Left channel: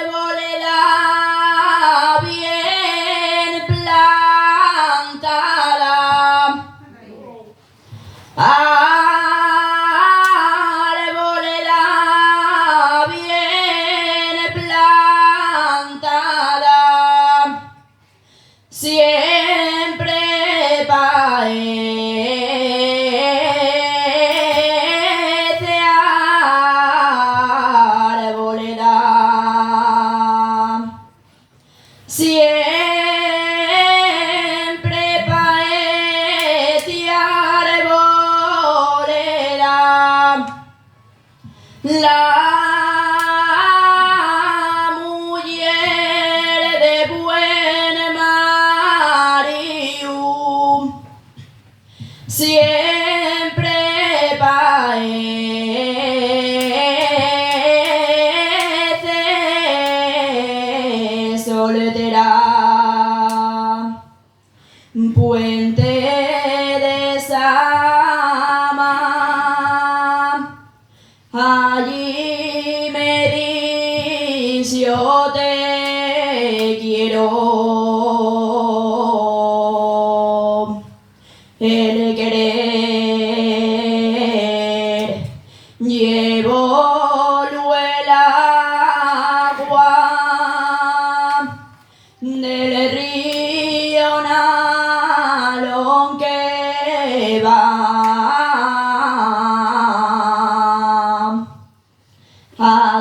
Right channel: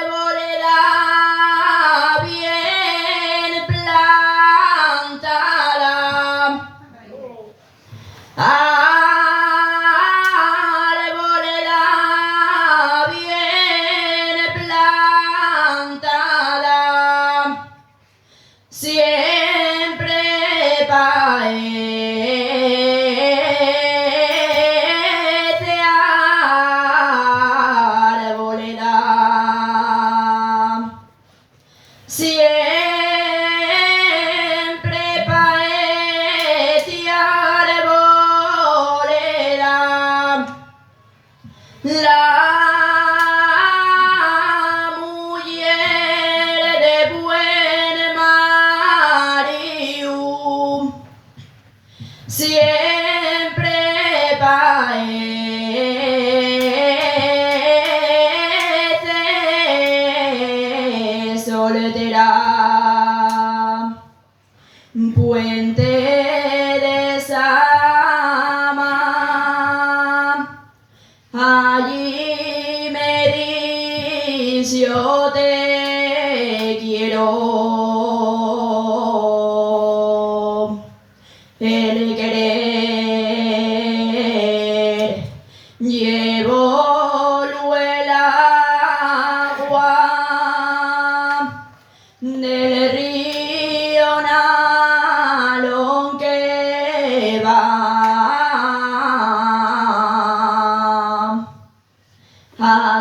Arboleda bien plantada. Arboleda bien plantada. Siempre paece arboleda. Siempre paece arboleda. La mujer de buen marido siempre parece soltera. Puente de Sama, allí me dice yo te quiero. El querer llevo el agua del río Nalón que va a